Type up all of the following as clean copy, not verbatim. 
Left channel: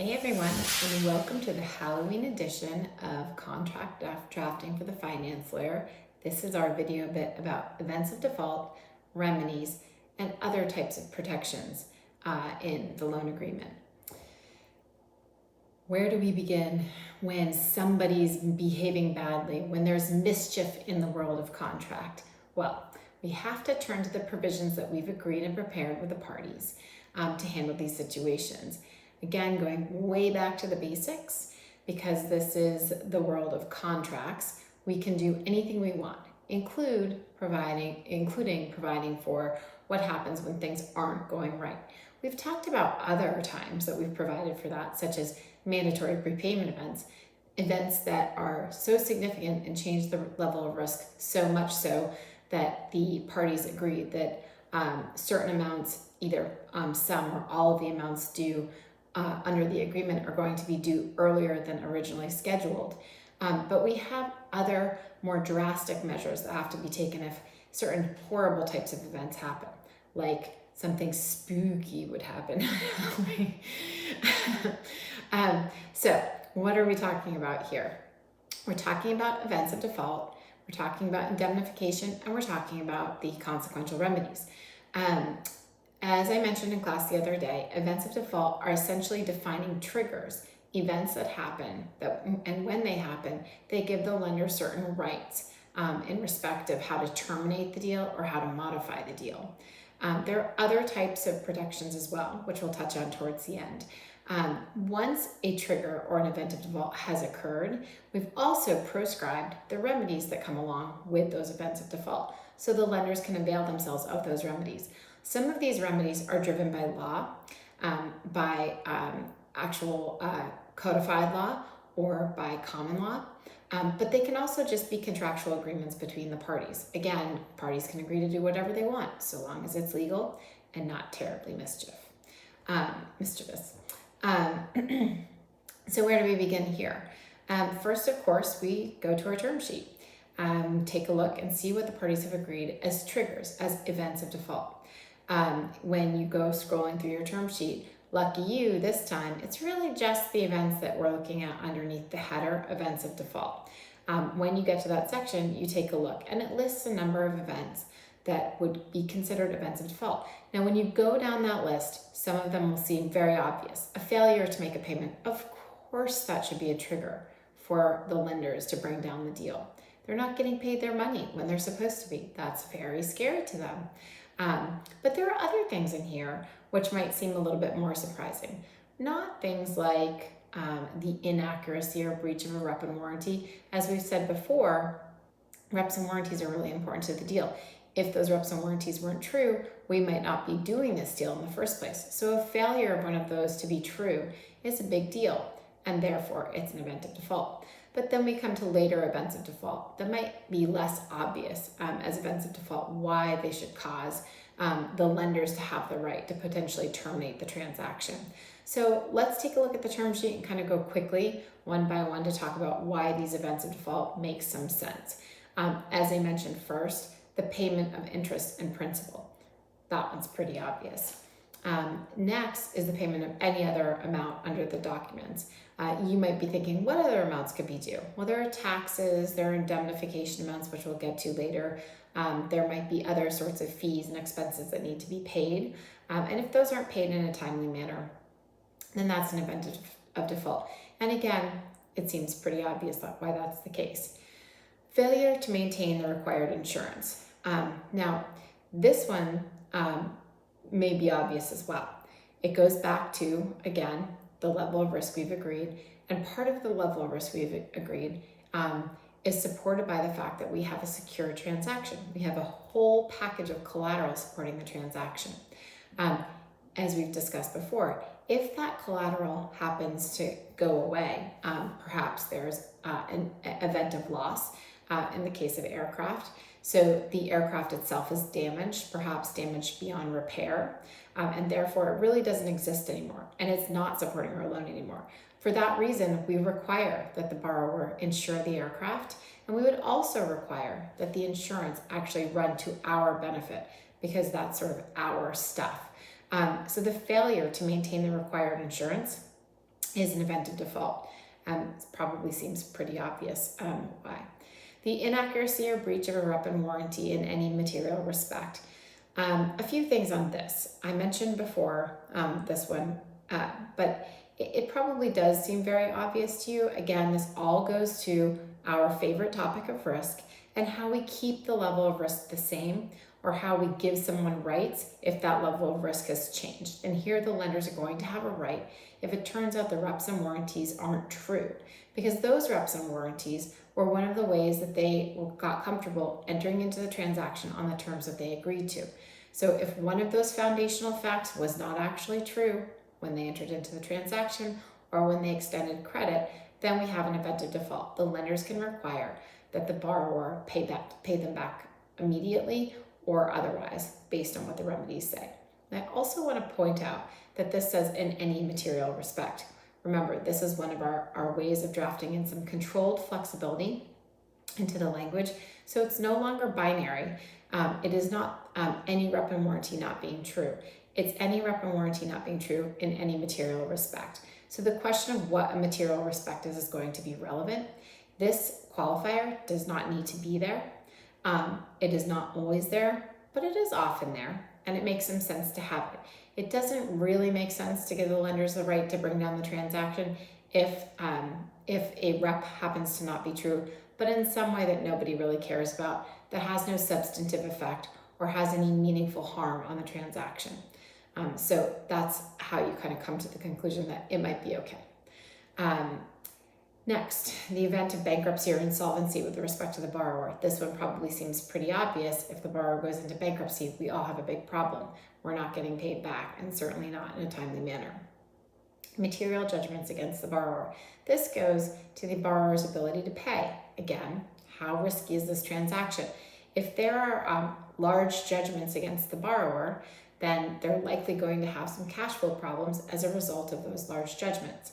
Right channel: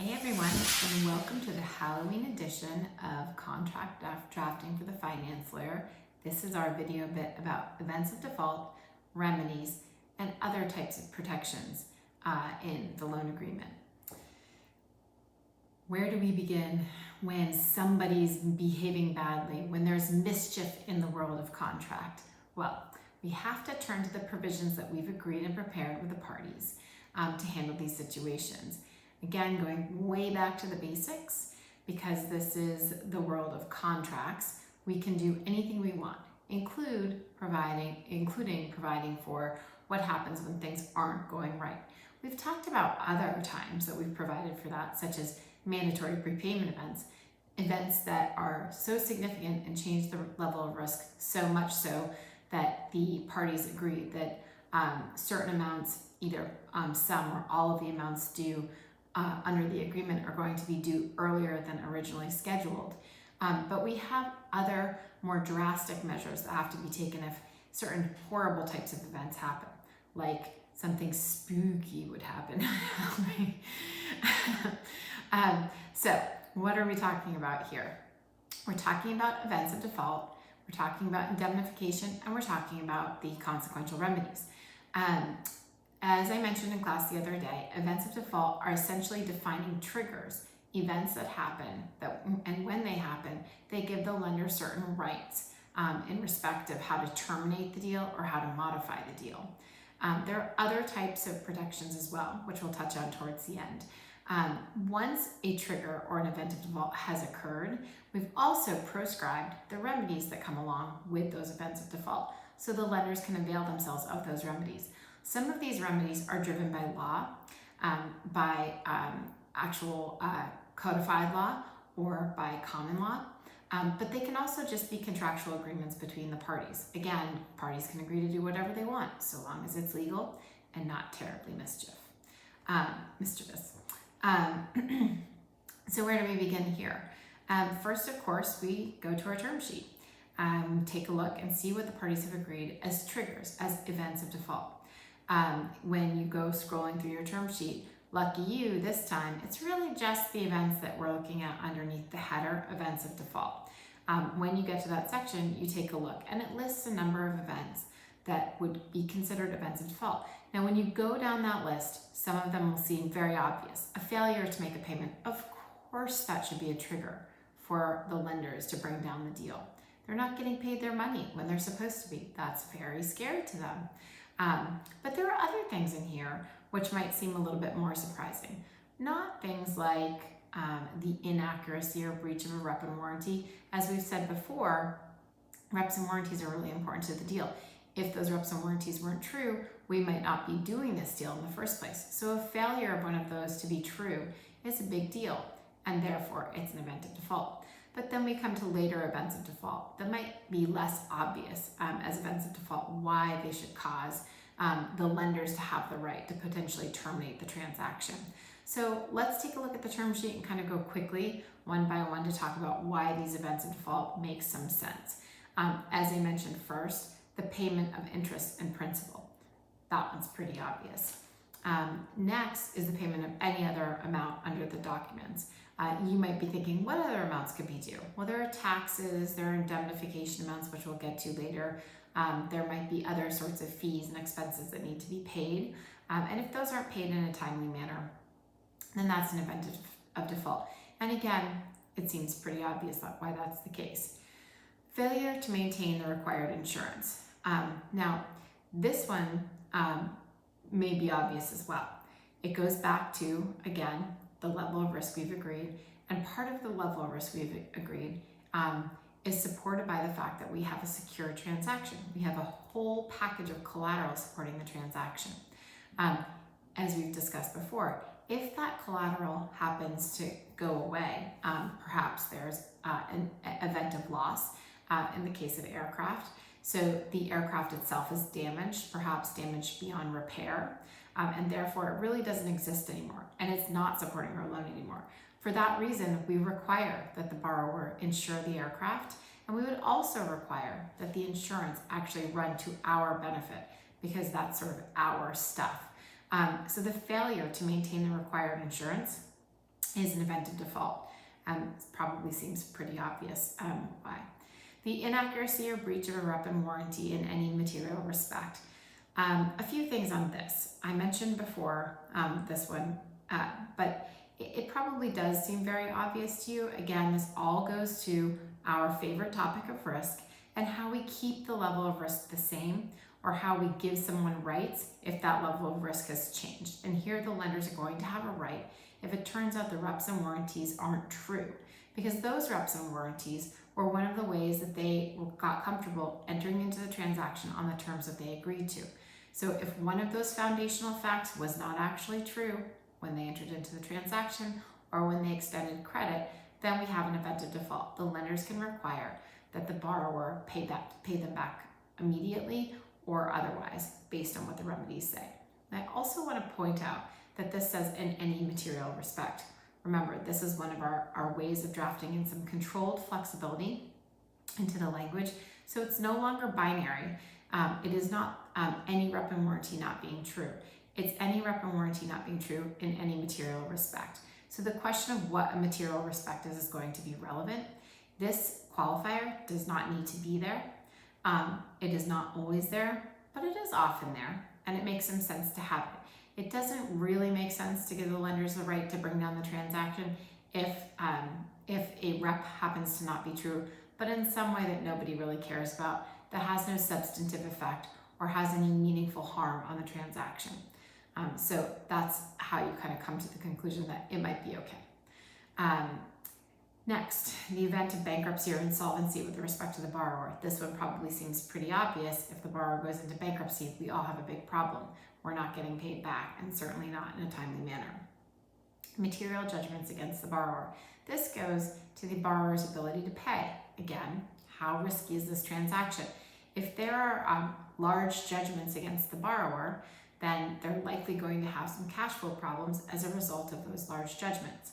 Hey everyone, and welcome to the Halloween edition of Contract Drafting for the Finance Lawyer. This is our video bit about events of default, remedies, and other types of protections in the loan agreement. Where do we begin when somebody's behaving badly, when there's mischief in the world of contract? Well, we have to turn to the provisions that we've agreed and prepared with the parties to handle these situations. Again, going way back to the basics, because this is the world of contracts, we can do anything we want, including providing for what happens when things aren't going right. We've talked about other times that we've provided for that, such as mandatory prepayment events that are so significant and change the level of risk so much so that the parties agree that certain amounts, either some or all of the amounts due under the agreement are going to be due earlier than originally scheduled. But we have other more drastic measures that have to be taken if certain horrible types of events happen, like something spooky would happen. So what are we talking about here? We're talking about events of default, we're talking about indemnification, and we're talking about the consequential remedies. As I mentioned in class the other day, events of default are essentially defining triggers, events that happen, and when they happen, they give the lender certain rights in respect of how to terminate the deal or how to modify the deal. There are other types of protections as well, which we'll touch on towards the end. Once a trigger or an event of default has occurred, we've also proscribed the remedies that come along with those events of default, so the lenders can avail themselves of those remedies. Some of these remedies are driven by law, by actual codified law or by common law, but they can also just be contractual agreements between the parties. Again, parties can agree to do whatever they want, so long as it's legal and not terribly mischievous. So where do we begin here? First, of course, we go to our term sheet, take a look and see what the parties have agreed as triggers, as events of default. When you go scrolling through your term sheet, lucky you, this time, it's really just the events that we're looking at underneath the header, events of default. When you get to that section, you take a look and it lists a number of events that would be considered events of default. Now, when you go down that list, some of them will seem very obvious. A failure to make a payment, of course that should be a trigger for the lenders to bring down the deal. They're not getting paid their money when they're supposed to be. That's very scary to them. But there are other things in here which might seem a little bit more surprising. Not things like the inaccuracy or breach of a rep and warranty. As we've said before, reps and warranties are really important to the deal. If those reps and warranties weren't true, we might not be doing this deal in the first place. So a failure of one of those to be true is a big deal, and therefore it's an event of default. But then we come to later events of default that might be less obvious as events of default, why they should cause the lenders to have the right to potentially terminate the transaction. So let's take a look at the term sheet and kind of go quickly one by one to talk about why these events of default make some sense. As I mentioned first, the payment of interest and principal. That one's pretty obvious. Next is the payment of any other amount under the documents. You might be thinking, what other amounts could be due? Well, there are taxes, there are indemnification amounts, which we'll get to later. There might be other sorts of fees and expenses that need to be paid. And if those aren't paid in a timely manner, then that's an event of default. And again, it seems pretty obvious why that's the case. Failure to maintain the required insurance. Now, this one may be obvious as well. It goes back to, again, the level of risk we've agreed, and part of the level of risk we've agreed is supported by the fact that we have a secure transaction. We have a whole package of collateral supporting the transaction. As we've discussed before, if that collateral happens to go away, perhaps there's an event of loss in the case of aircraft. So the aircraft itself is damaged, perhaps damaged beyond repair, and therefore it really doesn't exist anymore, and it's not supporting our loan anymore. For that reason, we require that the borrower insure the aircraft, and we would also require that the insurance actually run to our benefit, because that's sort of our stuff. So the failure to maintain the required insurance is an event of default. It probably seems pretty obvious why. The inaccuracy or breach of a rep and warranty in any material respect. A few things on this. I mentioned before this one, but it probably does seem very obvious to you. Again, this all goes to our favorite topic of risk and how we keep the level of risk the same, or how we give someone rights if that level of risk has changed. And here the lenders are going to have a right if it turns out the reps and warranties aren't true, because those reps and warranties were one of the ways that they got comfortable entering into the transaction on the terms that they agreed to. So if one of those foundational facts was not actually true when they entered into the transaction or when they extended credit, then we have an event of default. The lenders can require that the borrower pay them back immediately or otherwise, based on what the remedies say. And I also want to point out that this says in any material respect. Remember, this is one of our ways of drafting in some controlled flexibility into the language, so it's no longer binary. It is not any rep and warranty not being true. It's any rep and warranty not being true in any material respect. So the question of what a material respect is going to be relevant. This qualifier does not need to be there. It is not always there, but it is often there, and it makes some sense to have it. It doesn't really make sense to give the lenders the right to bring down the transaction if a rep happens to not be true, but in some way that nobody really cares about, that has no substantive effect or has any meaningful harm on the transaction. So that's how you kind of come to the conclusion that it might be okay. Next, the event of bankruptcy or insolvency with respect to the borrower. This one probably seems pretty obvious. If the borrower goes into bankruptcy, we all have a big problem. We're not getting paid back, and certainly not in a timely manner. Material judgments against the borrower. This goes to the borrower's ability to pay. Again, how risky is this transaction? If there are large judgments against the borrower, then they're likely going to have some cash flow problems as a result of those large judgments.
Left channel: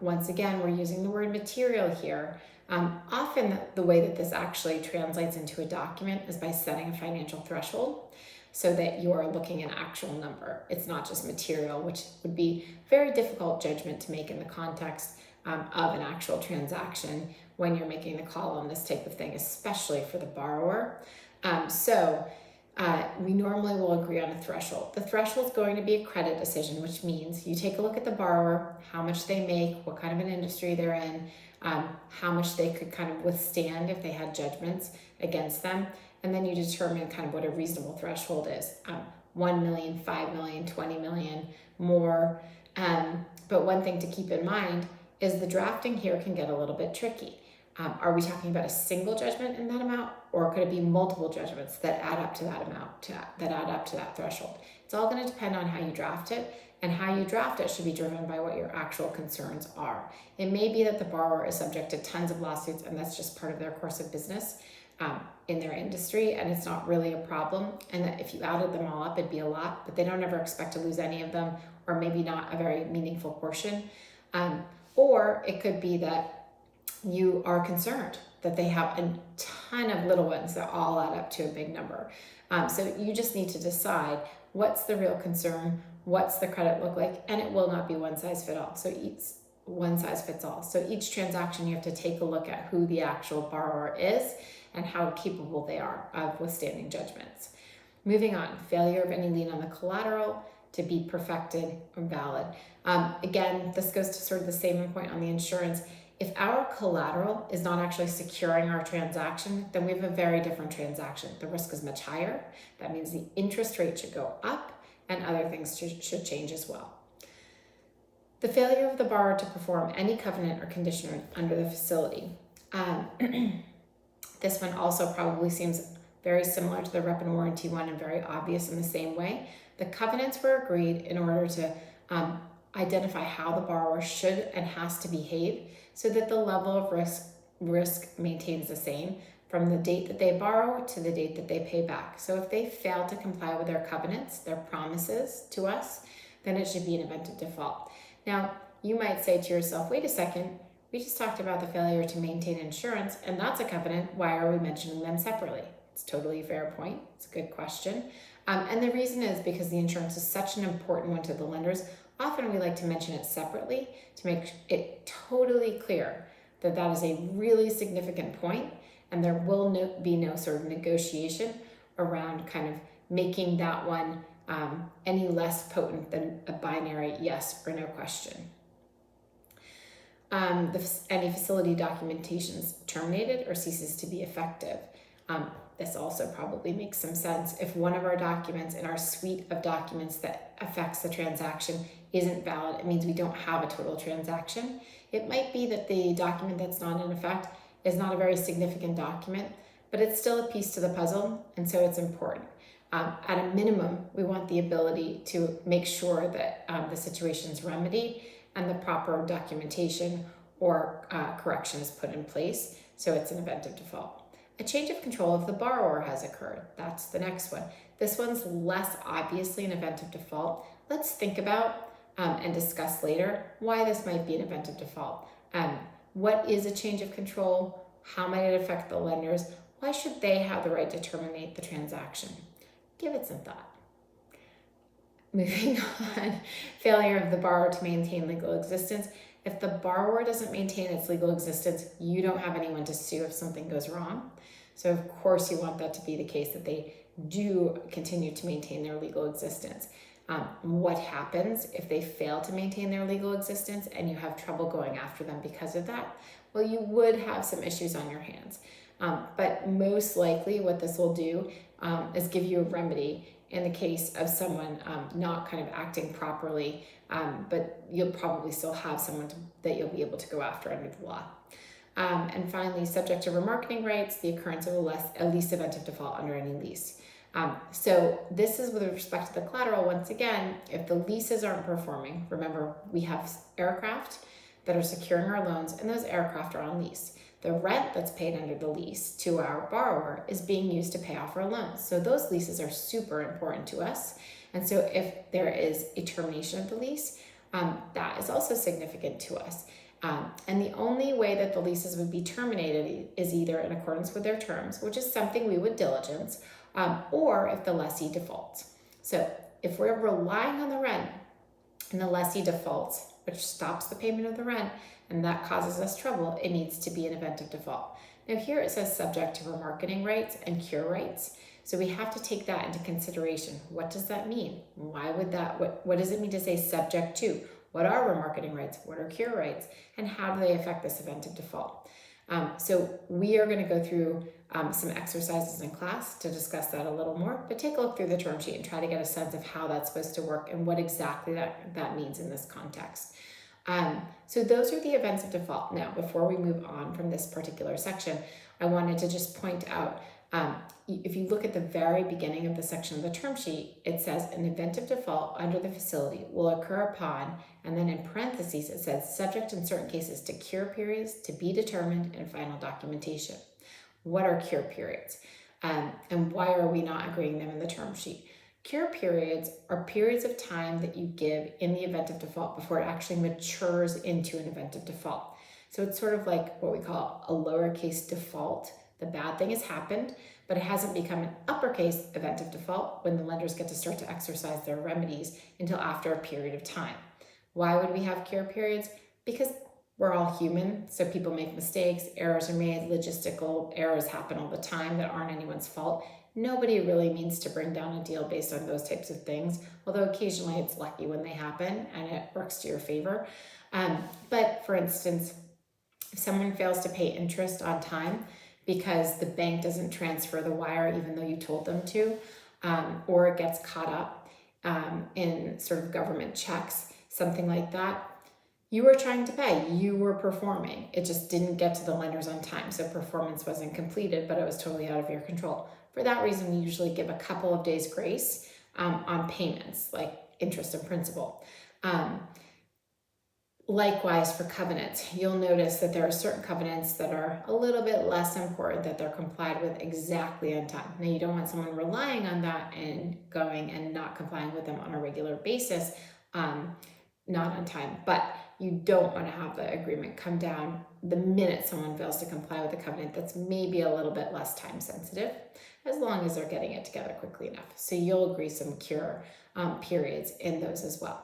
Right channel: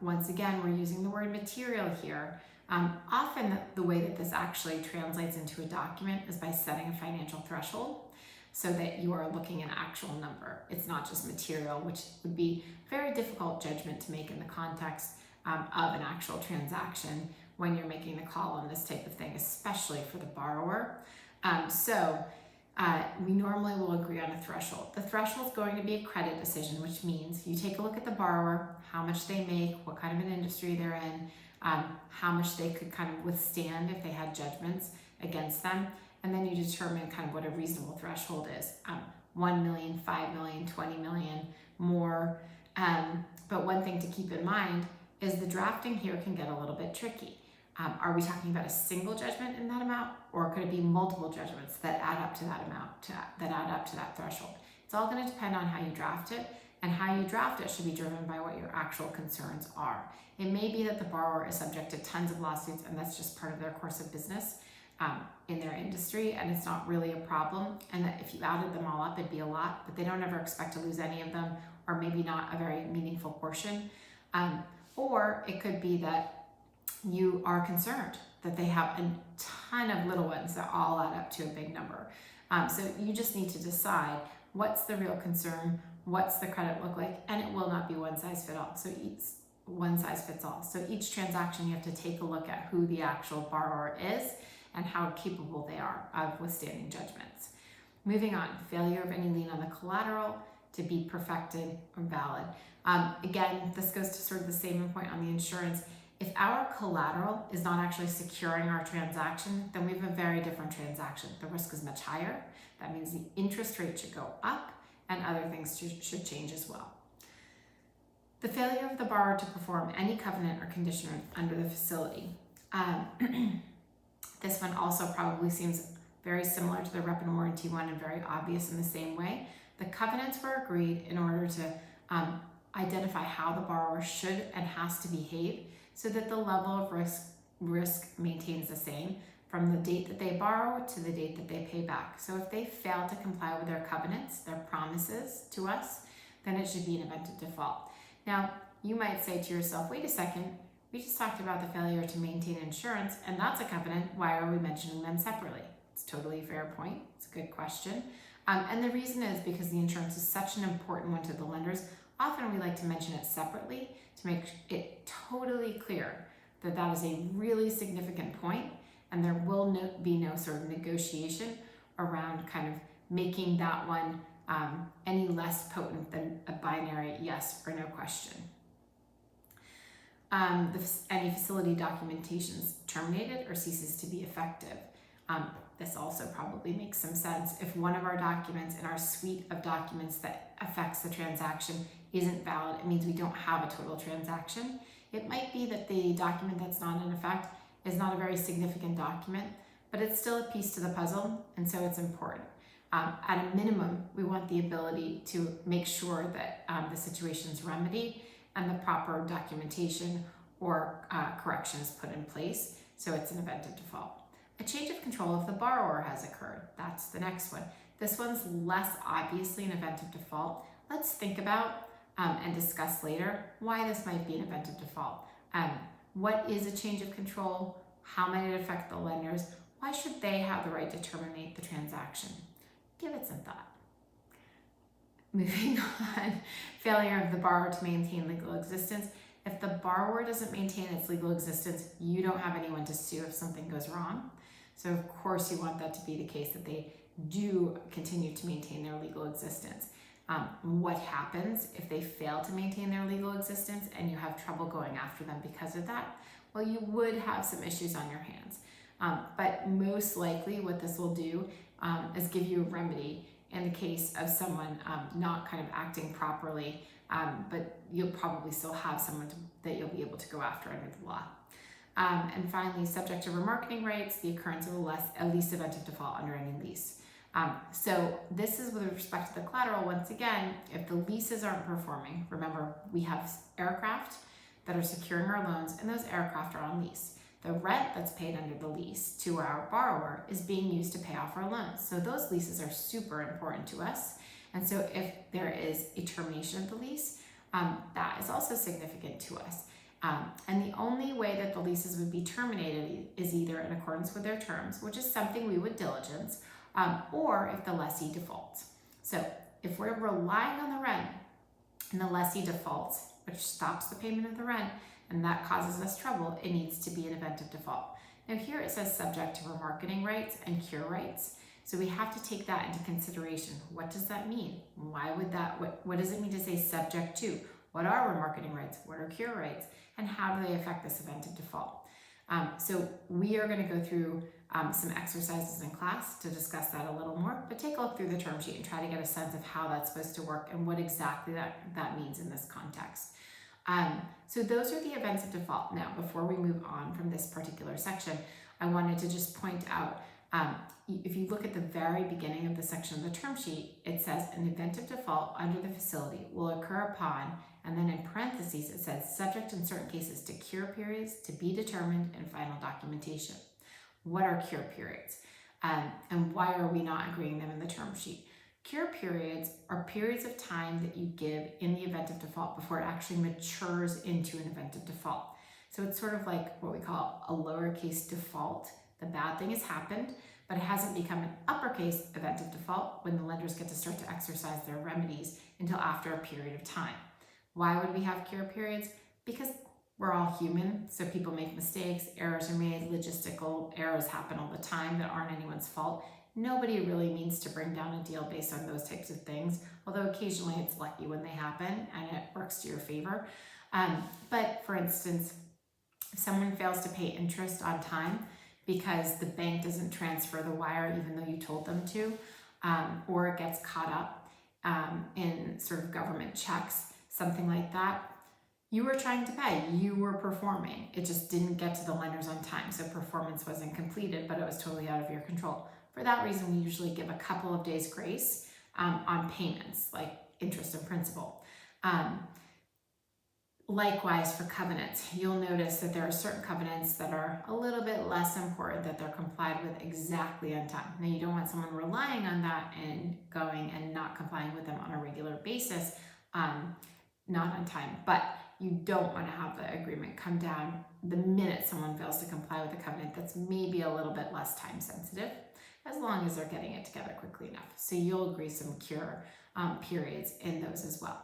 Once again, we're using the word material here. Often the way that this actually translates into a document is by setting a financial threshold so that you are looking at an actual number. It's not just material, which would be very difficult judgment to make in the context of an actual transaction when you're making the call on this type of thing, especially for the borrower. We normally will agree on a threshold. The threshold is going to be a credit decision, which means you take a look at the borrower, how much they make, what kind of an industry they're in, how much they could kind of withstand if they had judgments against them, and then you determine kind of what a reasonable threshold is. 1 million, 5 million, 20 million, more. But one thing to keep in mind is the drafting here can get a little bit tricky. Are we talking about a single judgment in that amount, or could it be multiple judgments that add up to that amount, that add up to that threshold? It's all going to depend on how you draft it, and how you draft it should be driven by what your actual concerns are. It may be that the borrower is subject to tons of lawsuits, and that's just part of their course of business in their industry, and it's not really a problem, and that if you added them all up, it'd be a lot, but they don't ever expect to lose any of them, or maybe not a very meaningful portion. Or it could be that you are concerned that they have a ton of little ones that all add up to a big number. So you just need to decide what's the real concern, what's the credit look like, and it will not be one size fits all. So each transaction you have to take a look at who the actual borrower is and how capable they are of withstanding judgments. Moving on, failure of any lien on the collateral to be perfected or valid. Again, this goes to sort of the same point on the insurance. If our collateral is not actually securing our transaction, then we have a very different transaction. The risk is much higher. That means the interest rate should go up and other things should change as well. The failure of the borrower to perform any covenant or condition under the facility. This one also probably seems very similar to the rep and warranty one and very obvious in the same way. The covenants were agreed in order to identify how the borrower should and has to behave so that the level of risk maintains the same from the date that they borrow to the date that they pay back. So if they fail to comply with their covenants, their promises to us, then it should be an event of default. Now, you might say to yourself, wait a second, we just talked about the failure to maintain insurance, and that's a covenant. Why are we mentioning them separately? It's totally a fair point. It's a good question. And the reason is because the insurance is such an important one to the lenders. Often we like to mention it separately to make it totally clear that that is a really significant point, and there will be no sort of negotiation around kind of making that one any less potent than a binary yes or no question. Any facility documentation is terminated or ceases to be effective. This also probably makes some sense. If one of our documents in our suite of documents that affects the transaction isn't valid, it means we don't have a total transaction. It might be that the document that's not in effect is not a very significant document, but it's still a piece to the puzzle, and so it's important. At a minimum, we want the ability to make sure that the situation is remedied and the proper documentation or correction is put in place, so it's an event of default. A change of control of the borrower has occurred. That's the next one. This one's less obviously an event of default. Let's think about and discuss later why this might be an event of default. What is a change of control? How might it affect the lenders? Why should they have the right to terminate the transaction? Give it some thought. Moving on, failure of the borrower to maintain legal existence. If the borrower doesn't maintain its legal existence, you don't have anyone to sue if something goes wrong. So of course you want that to be the case, that they do continue to maintain their legal existence. What happens if they fail to maintain their legal existence and you have trouble going after them because of that? Well, you would have some issues on your hands. But most likely what this will do is give you a remedy in the case of someone not kind of acting properly, but you'll probably still have someone that you'll be able to go after under the law. And finally, subject to remarketing rights, the occurrence of a lease event of default under any lease. So this is with respect to the collateral. Once again, if the leases aren't performing, remember we have aircraft that are securing our loans, and those aircraft are on lease. The rent that's paid under the lease to our borrower is being used to pay off our loans. So those leases are super important to us. And so if there is a termination of the lease, that is also significant to us. And the only way that the leases would be terminated is either in accordance with their terms, which is something we would diligence, or if the lessee defaults. So if we're relying on the rent and the lessee defaults, which stops the payment of the rent, and that causes us trouble, it needs to be an event of default. Now here it says subject to remarketing rights and cure rights. So we have to take that into consideration. What does that mean? Why would that, what does it mean to say subject to? What are remarketing rights? What are cure rights? And how do they affect this event of default? So we are going to go through some exercises in class to discuss that a little more, but take a look through the term sheet and try to get a sense of how that's supposed to work and what exactly that means in this context. So those are the events of default. Now, before we move on from this particular section, I wanted to just point out, if you look at the very beginning of the section of the term sheet, it says an event of default under the facility will occur upon, and then in parentheses, it says subject in certain cases to cure periods to be determined and final documentation. What are cure periods? And why are we not agreeing them in the term sheet? Cure periods are periods of time that you give in the event of default before it actually matures into an event of default. So it's sort of like what we call a lowercase default. The bad thing has happened, but it hasn't become an uppercase event of default when the lenders get to start to exercise their remedies until after a period of time. Why would we have cure periods? Because we're all human, so people make mistakes, errors are made, logistical errors happen all the time that aren't anyone's fault. Nobody really means to bring down a deal based on those types of things, although occasionally it's lucky when they happen and it works to your favor. But for instance, if someone fails to pay interest on time because the bank doesn't transfer the wire even though you told them to, or it gets caught up in sort of government checks, something like that, you were trying to pay, you were performing. It just didn't get to the lenders on time, so performance wasn't completed, but it was totally out of your control. For that reason, we usually give a couple of days grace on payments, like interest and principal. Likewise for covenants, you'll notice that there are certain covenants that are a little bit less important that they're complied with exactly on time. Now, you don't want someone relying on that and going and not complying with them on a regular basis, not on time, but you don't want to have the agreement come down the minute someone fails to comply with a covenant that's maybe a little bit less time sensitive, as long as they're getting it together quickly enough. So you'll agree some cure periods in those as well.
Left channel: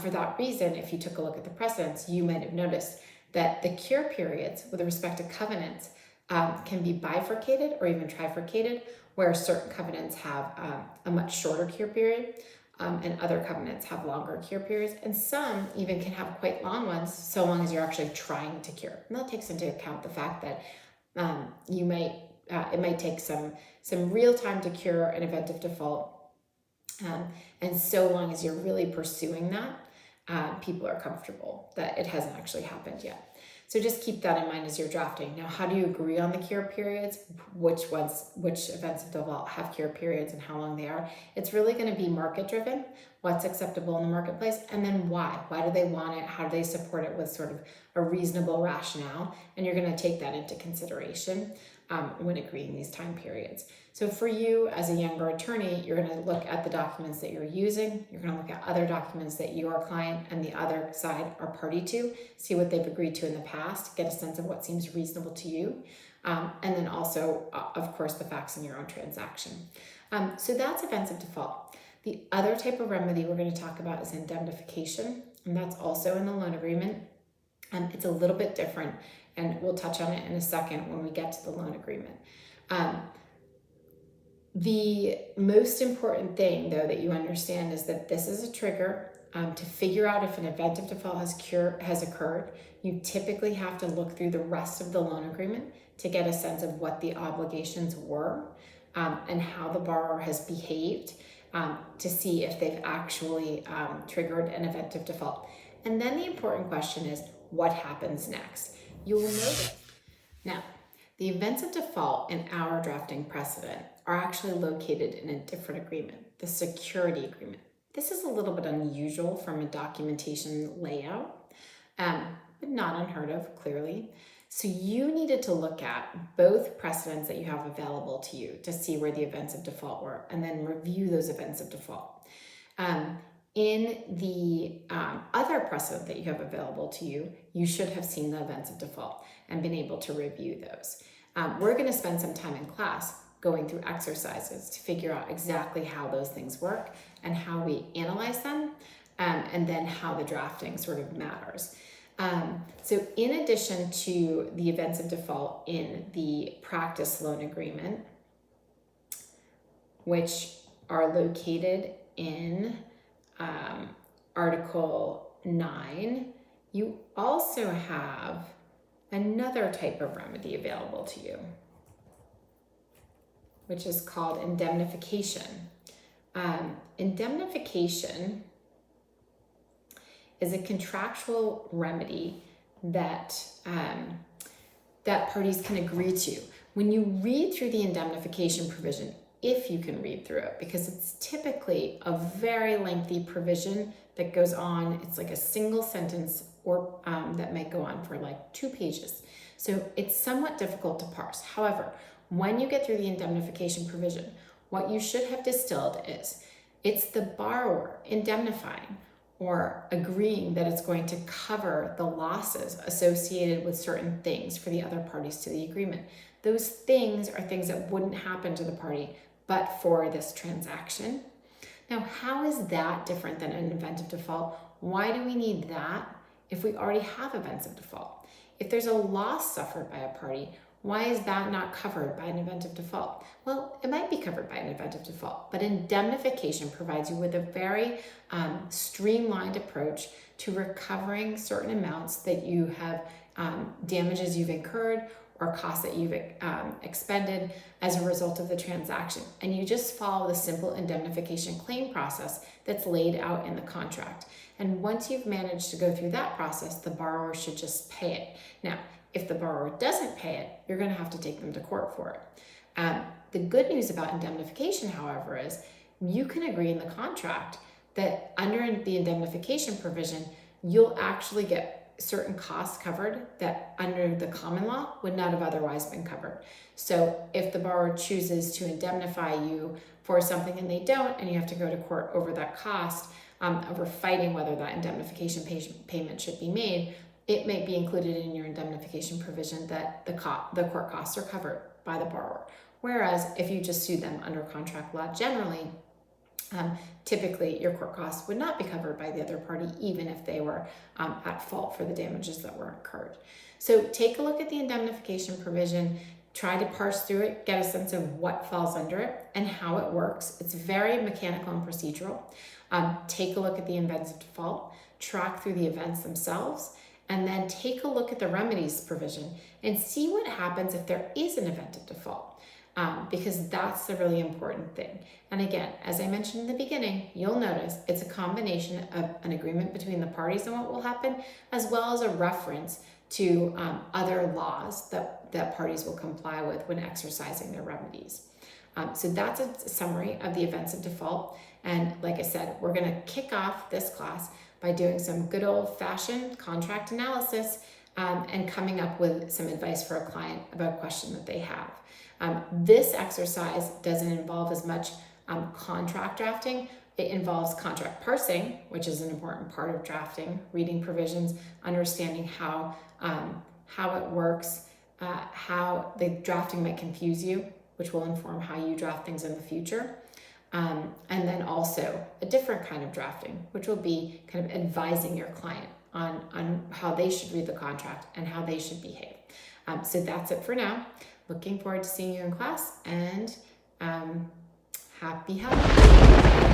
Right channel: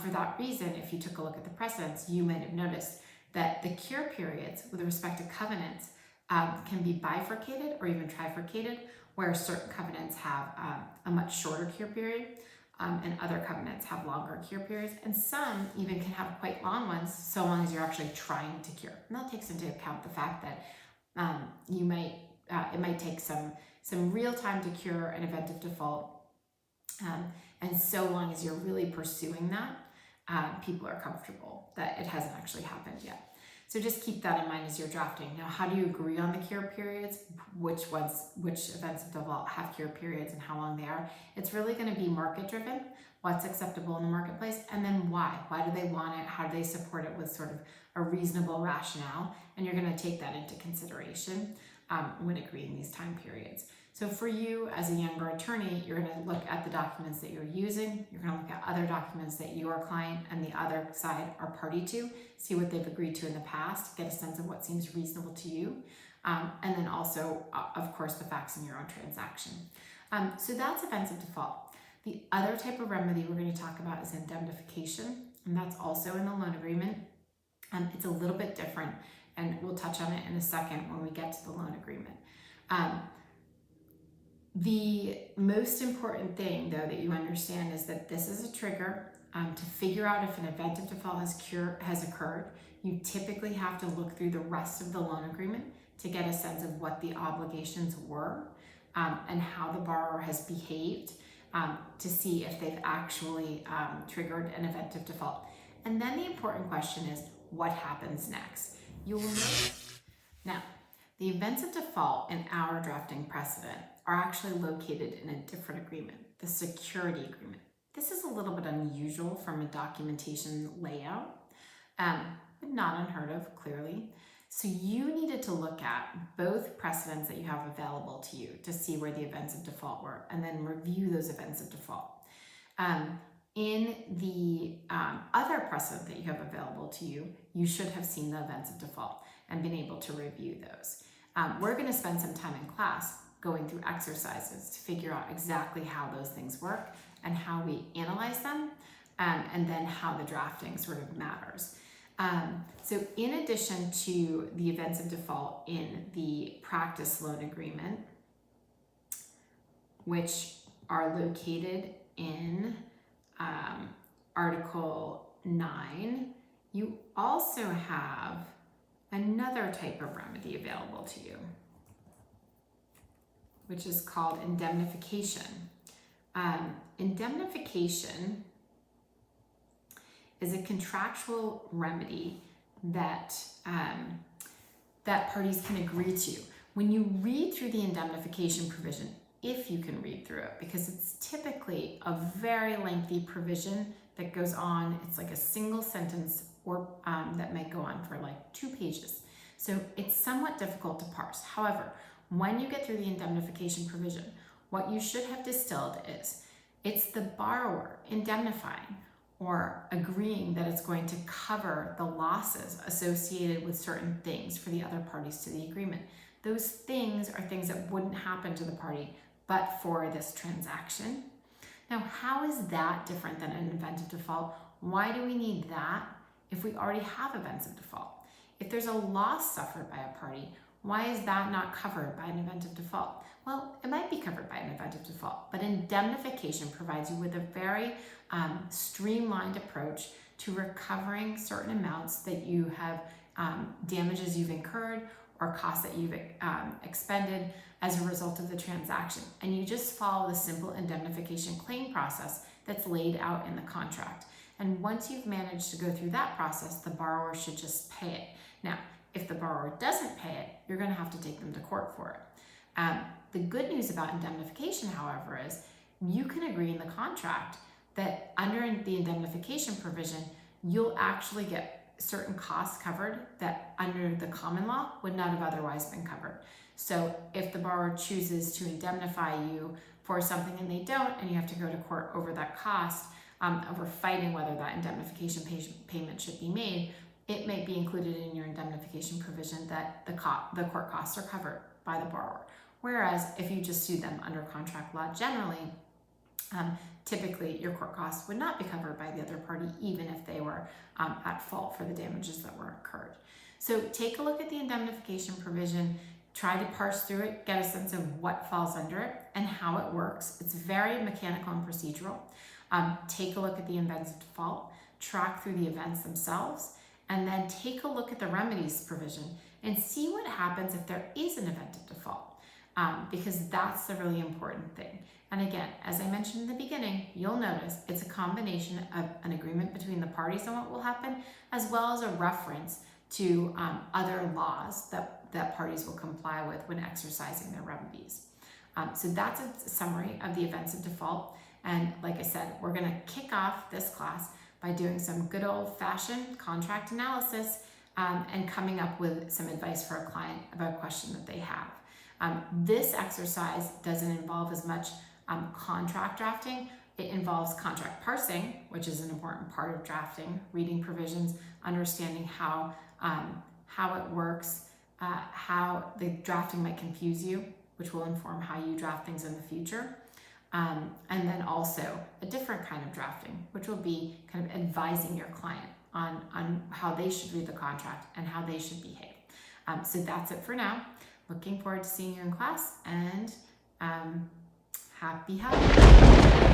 For that reason, if you took a look at the precedents, you might have noticed that the cure periods with respect to covenants can be bifurcated or even trifurcated, where certain covenants have a much shorter cure period and other covenants have longer cure periods, and some even can have quite long ones, so long as you're actually trying to cure. And that takes into account the fact that it might take some real time to cure an event of default, and so long as you're really pursuing that, people are comfortable that it hasn't actually happened yet. So just keep that in mind as you're drafting. Now, how do you agree on the cure periods? Which events of default have cure periods and how long they are? It's really going to be market driven, what's acceptable in the marketplace, and then why. Why do they want it? How do they support it with sort of a reasonable rationale? And you're going to take that into consideration when agreeing these time periods. So for you as a younger attorney, you're going to look at the documents that you're using. You're going to look at other documents that your client and the other side are party to, see what they've agreed to in the past, get a sense of what seems reasonable to you, and then also, of course, the facts in your own transaction. So that's events of default. The other type of remedy we're going to talk about is indemnification, and that's also in the loan agreement. It's a little bit different, and we'll touch on it in a second when we get to the loan agreement. The most important thing, though, that you understand is that this is a trigger to figure out if an event of default has occurred. You typically have to look through the rest of the loan agreement to get a sense of what the obligations were and how the borrower has behaved to see if they've actually triggered an event of default. And then the important question is, what happens next? You will notice now, the events of default in our drafting precedent are actually located in a different agreement, the security agreement. This is a little bit unusual from a documentation layout, but not unheard of, clearly. So you needed to look at both precedents that you have available to you to see where the events of default were, and then review those events of default. In the other precedent that you have available to you, you should have seen the events of default and been able to review those. We're going to spend some time in class going through exercises to figure out exactly how those things work and how we analyze them, and then how the drafting sort of matters. So in addition to the events of default in the practice loan agreement, which are located in Article 9, you also have another type of remedy available to you, which is called indemnification. Indemnification is a contractual remedy that parties can agree to. When you read through the indemnification provision, if you can read through it, because it's typically a very lengthy provision that goes on, it's like a single sentence or that might go on for like 2 pages. So it's somewhat difficult to parse. However, when you get through the indemnification provision, what you should have distilled is it's the borrower indemnifying or agreeing that it's going to cover the losses associated with certain things for the other parties to the agreement. Those things are things that wouldn't happen to the party but for this transaction. Now, how is that different than an event of default? Why do we need that if we already have events of default? If there's a loss suffered by a party, why is that not covered by an event of default? Well, it might be covered by an event of default, but indemnification provides you with a very streamlined approach to recovering certain amounts that you have, damages you've incurred or costs that you've expended as a result of the transaction. And you just follow the simple indemnification claim process that's laid out in the contract. And once you've managed to go through that process, the borrower should just pay it. Now, if the borrower doesn't pay it, you're going to have to take them to court for it. The good news about indemnification, however, is you can agree in the contract that under the indemnification provision, you'll actually get certain costs covered that under the common law would not have otherwise been covered. So if the borrower chooses to indemnify you for something and they don't, and you have to go to court over that cost, over fighting whether that indemnification payment should be made, it may be included in your indemnification provision that the court costs are covered by the borrower. Whereas if you just sue them under contract law generally, Typically your court costs would not be covered by the other party, even if they were at fault for the damages that were incurred. So take a look at the indemnification provision, try to parse through it, get a sense of what falls under it and how it works. It's very mechanical and procedural. Take a look at the events of default, track through the events themselves, and then take a look at the remedies provision and see what happens if there is an event of default. Because that's the really important thing. And again, as I mentioned in the beginning, you'll notice it's a combination of an agreement between the parties on what will happen, as well as a reference to other laws that parties will comply with when exercising their remedies. So that's a summary of the events of default. And like I said, we're going to kick off this class by doing some good old-fashioned contract analysis and coming up with some advice for a client about a question that they have. This exercise doesn't involve as much contract drafting. It involves contract parsing, which is an important part of drafting, reading provisions, understanding how it works, how the drafting might confuse you, which will inform how you draft things in the future. And then also a different kind of drafting, which will be kind of advising your client on how they should read the contract and how they should behave. So that's it for now. Looking forward to seeing you in class, and happy holidays.